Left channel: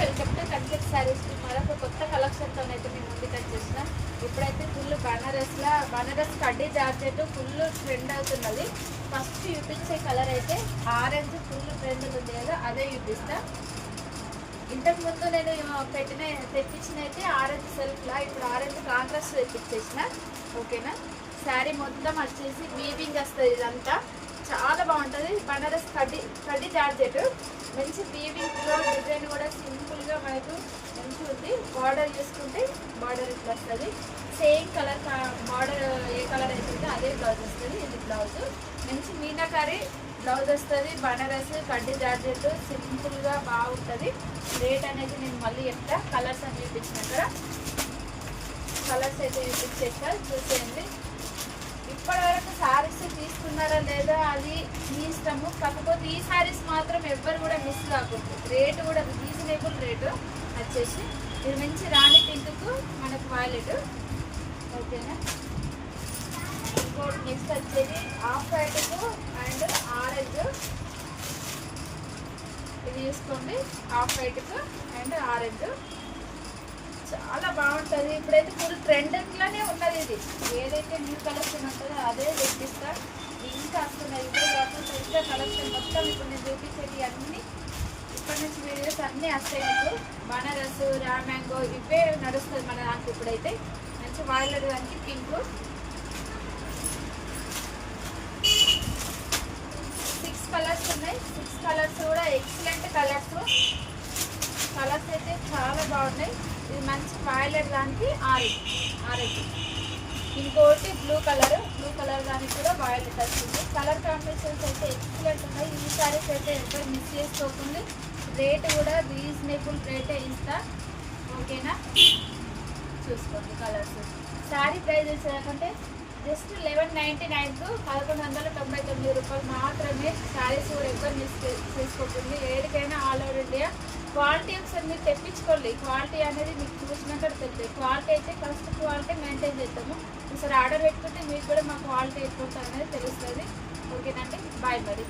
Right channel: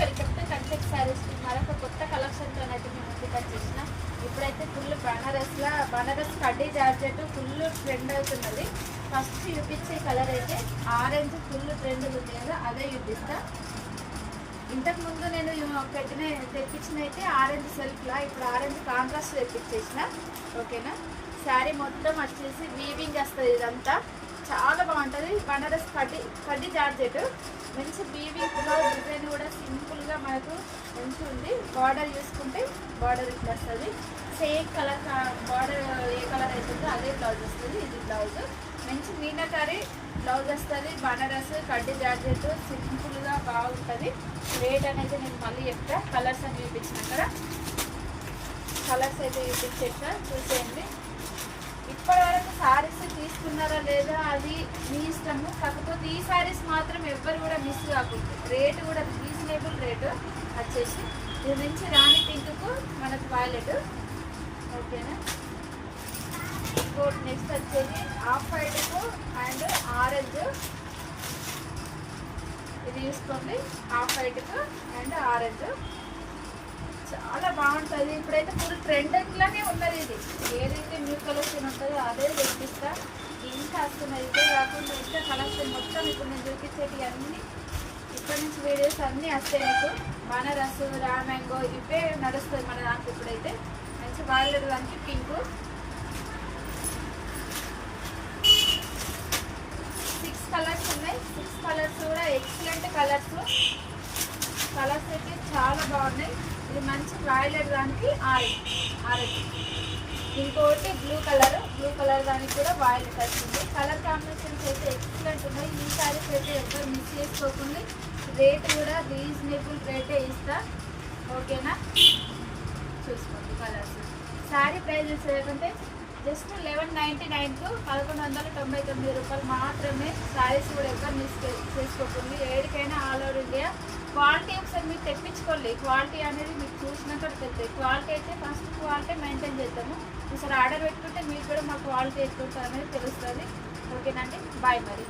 Welcome to contact saris. మరొక కొత్త కలెక్షన్తో అయితే మేము ముందుకు వచ్చేసిన. ఇప్పుడైతే ఫుల్ బనారస్ కడ్డీ జార్జెట్ ఫుల్ ట్రెండ్ అవుతున్నది. ఫస్ట్ చూపించే కలర్ అయితే ఆరెంజ్ ఫుల్ ట్రెండ్ ఉంది కదా, అదే చూపిస్తా. ఇంతకుముందు నేను తెప్పించిన అయితే ఆరెంజ్ సెల్ఫ్లా, ఇప్పుడు ఆరెంజ్ కాంట్రాస్ట్ తెప్పించేసిన. ఓకేనా, శారీ మొత్తం వచ్చేసి వీవింగ్ వస్తుంది. ఇదంతా చాలా బాగుంటుంది. బనారస్ కడ్డీ జార్జెట్ మంచి వీవింగ్లో డిజైన్ కూడా సింపుల్గా మనకు మంచి ఉంది. బార్డర్ చూసుకుంటే బార్డర్ ఇట్లా వస్తుంది. సేమ్ కలర్ బార్డర్ ఏ కలర్ అవుతుందో అదే బ్లౌజ్ వస్తుంది. ఇది బ్లౌజ్ మంచి మీనాకారి బ్లౌజ్ వస్తుంది. బనారస్ కడ్డీ జార్జెట్ సింపుల్గా బాగుంటుంది. రేట్ అనేది నేను మళ్ళీ చెప్తా. కలర్స్ అని చూపించిన అక్కడ కలర్స్ అయితే చూపించేస్తా, చూసేయండి. ఇప్పటివరకు శారీస్ తీసుకున్నారా లేదా అది మీ ఇష్టము. కాకపోతే ఈ శారీస్ మాత్రం ఎవ్వరు కూడా మిస్ కాకూడదు. రేటు కూడా రీజనబుల్ రేటు వచ్చేసి. ఇది మంచి రాణి పింక్కు మనకు వాలెట్. ఓకేనా, ఇంకోటి నెక్స్ట్ వచ్చేది ఆఫ్ వైట్కు అండ్ ఆరెంజ్. ఇది తీసుకోండి, ఆఫ్ వైట్కు అండ్ ఆరెంజ్ చాలా బాగుంటుంది. ఇప్పుడైతే ఫుల్ ట్రెండింగ్లోనే ఉన్నది. ఇది ఏదైతే న్యూ కలెక్షన్ ఉంటుందో అదే చూపిస్తా. ఇంకా వస్తున్నది. ఇదే కాకుండా ఇంకా కలెక్షన్ మొత్తం ఇప్పుడు నేను చూపించేది అన్నీ ఇప్పటి నుంచి వీడియోస్ అన్నీ వస్తాయి మీకు. బనారస్ రా మ్యాంగో ఇవే నడుస్తుంది మన దానికి. ఇప్పుడైతే మంచి వాడలేదు దానికి పింక్ 6 కలర్స్ ఉన్నాయి. 6 కలర్స్ కూడా ఎక్సలెంట్ కలర్స్ అయితే చాలా బాగున్నాయి. ఇది మంచి వాయిలెట్ దానికి ఆరెంజ్. ఇంకోటి బ్లూ కలర్ దానికి కూడా వాయిలెట్ వచ్చింది. కలర్ కాంబినేషన్స్ అయితే ఎక్సలెంట్ ఉన్నాయి. ఈ సారీస్ అయితే ఎక్కడ మిస్ చేసుకోకుండా. రేట్ కూడా రీజనబుల్ రేటే ఇస్తా. ఓకేనా, చూసుకోండి కలర్స్. శారీ ప్రైజెస్ ఏంటంటే జస్ట్ 1199కు 1199 రూపాయలు మాత్రమే. శారీస్ కూడా ఎక్కడ మిస్ చేసుకోకుండా. ఏడికైనా ఆల్ ఓవర్ ఇండియా. క్వాలిటీ ఒకసారి మీరు తెప్పించుకోండి. క్వాలిటీ అనేది మీకు చూసినాక తెలుస్తుంది. క్వాలిటీ అయితే ఫస్ట్ క్వాలిటీ మెయింటైన్ చేద్దాము. ఒకసారి ఆర్డర్ పెట్టుకుంటే మీకు కూడా మా క్వాలిటీ ఎట్లుంటుంది అనేది తెలుస్తుంది. ఓకేనండి, బాయ్ మరి.